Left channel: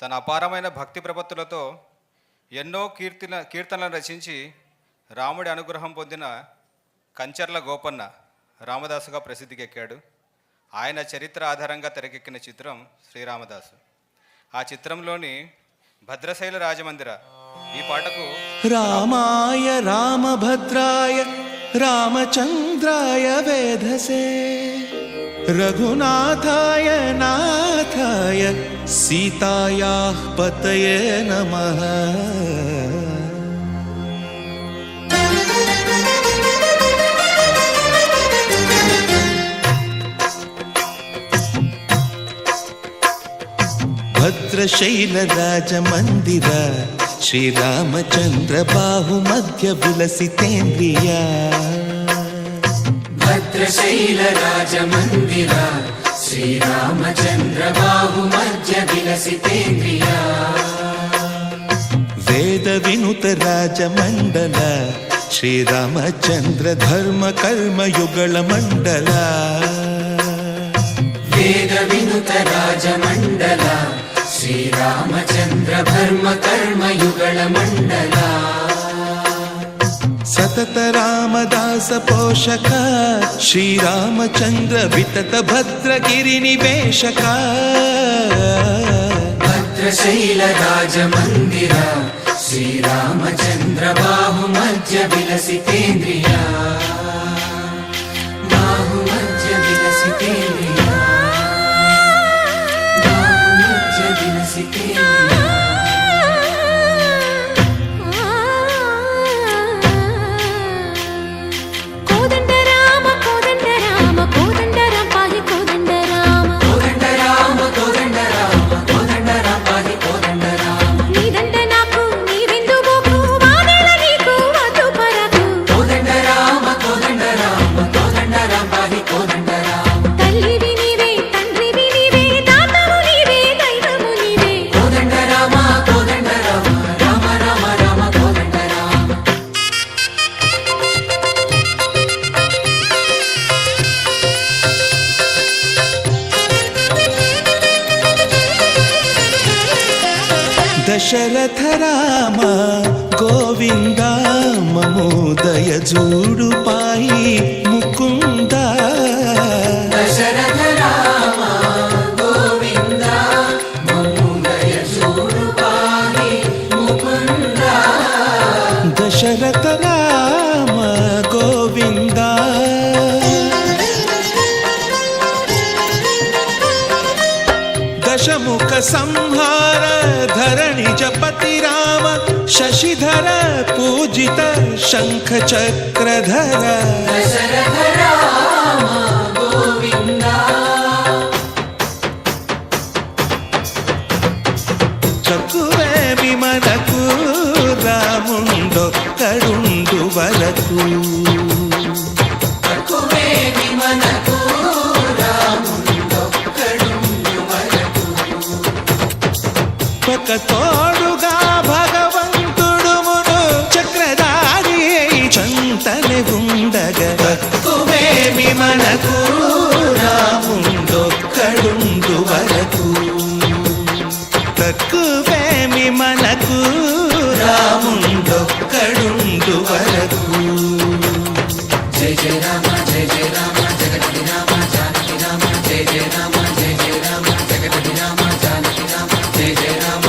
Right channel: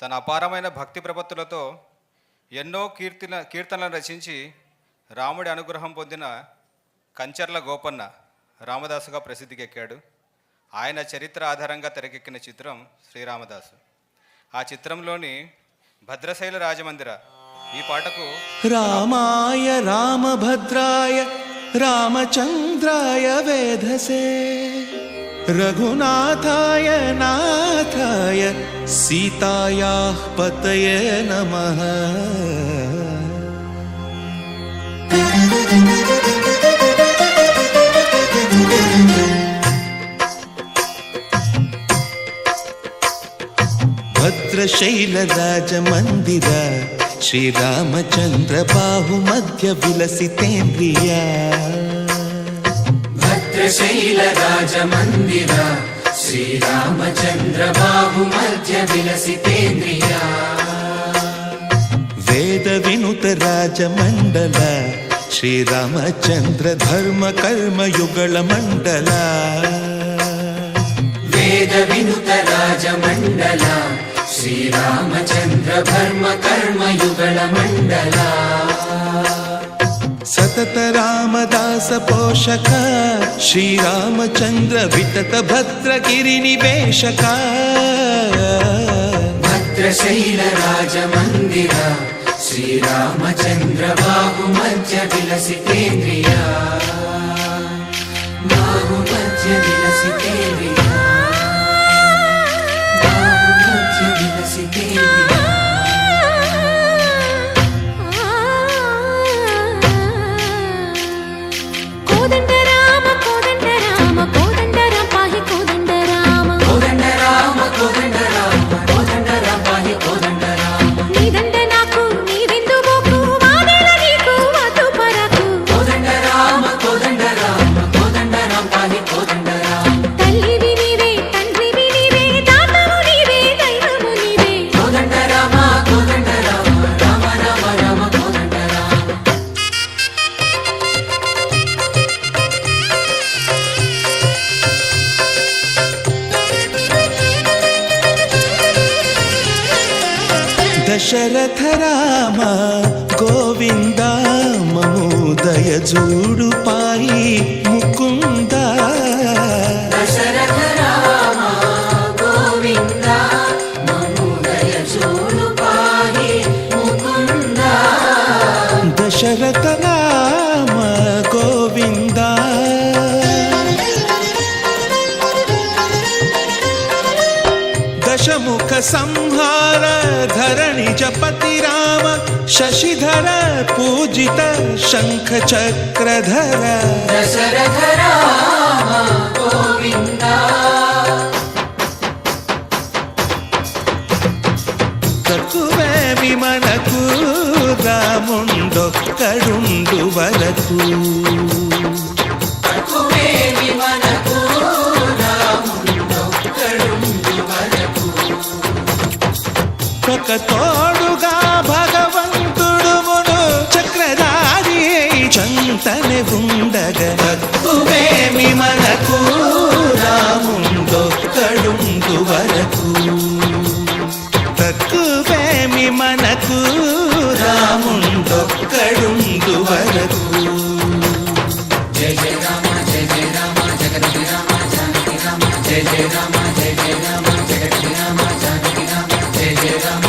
తన అపారమైన భక్తి ప్రపత్తులతో ఎన్నో కీర్తనలను రచించి రాముడి అనుగ్రహం పొందిన కంచర్ల గోపన్న రామదాసుగా ప్రసిద్ధికెక్కాడు. ఆయన చరిత్ర ఆధారంగా తెరకెక్కిన చిత్రం శ్రీరామదాసు. ఆ చిత్రంలోని భద్రశైల రాజమందిర ఈ పాటకు రామాయ రామభద్రాయ రామచంద్రాయ వేధసే రఘునాథాయ నాథాయ సీతాయాః పతయే నమః. భద్రశైల రాజమందిర శ్రీరామచంద్ర బాహుమధ్య విలసితేంద్రియ. భద్రశైల రాజమందిర శ్రీరామచంద్ర బాహుమధ్య విలసితేంద్రియ. వేద వినుత రాజమండల శ్రీరామచంద్ర ధర్మ కర్మ యుగళ మండల. వేద వినుత రాజమండల శ్రీరామచంద్ర ధర్మ కర్మ యుగళ మండల. సతత రామదాస పోషక శ్రీరామచంద్ర వితత భద్రగిరి నివేశక. భద్రశైల రాజమందిర శ్రీరామచంద్ర బాహుమధ్య విలసితేంద్రియ. బాహుమధ్య విలసితేంద్రియ. బాహుమధ్య విలసితేంద్రియ. కోదండ రామ కోదండ రామ కోదండ రామ పాహి కోదండ రామ కోదండ రామ కోదండ రామ కోదండ రామ పాహి కోదండ రామ. నీదండ నాకు నీవెందు బోకు వాదేల నీకు వద్దు పరకు. కోదండ రామ కోదండ రామ కోదండ రామ పాహి కోదండ రామ. తల్లివి నీవే తండ్రివి నీవే దాతవు నీవే దైవము నీవే. కోదండ రామ కోదండ రామ రామ రామ రామ కోదండ రామ. దశరథ రామ గోవింద మమోదయ జూడు పాయి ముకుంద. దశరథ రామ గోవింద మముదయ చూడు పాహి ముకుంద. దశరథ రామ గోవింద దశముఖ సంహార ధరణి జపతి రామ శశిధర పూజిత శంఖ చక్రధర. దశరథ రామ గోవింద. తక్కువేమి మనకు రాముండొక్కడుండు వరకు. తక్కువేమి మనకు రాముండొక్కడుండు వరకు. ఒక తోడుగా భగవంతుడుమును చక్రధారి చంతనే ఉండగా. తక్కువేమి మనకు రాముండొక్కడుండు వరకు. తక్కువేమి మనకు రాముండొక్కడుండు వరకు. జయ జయ రామ జయ జయ రామ జగతి రామ జానకి రామ జయ జయ రామ జయ జయ రామ జగతి రామ జానకి రామ జయ జయ రామ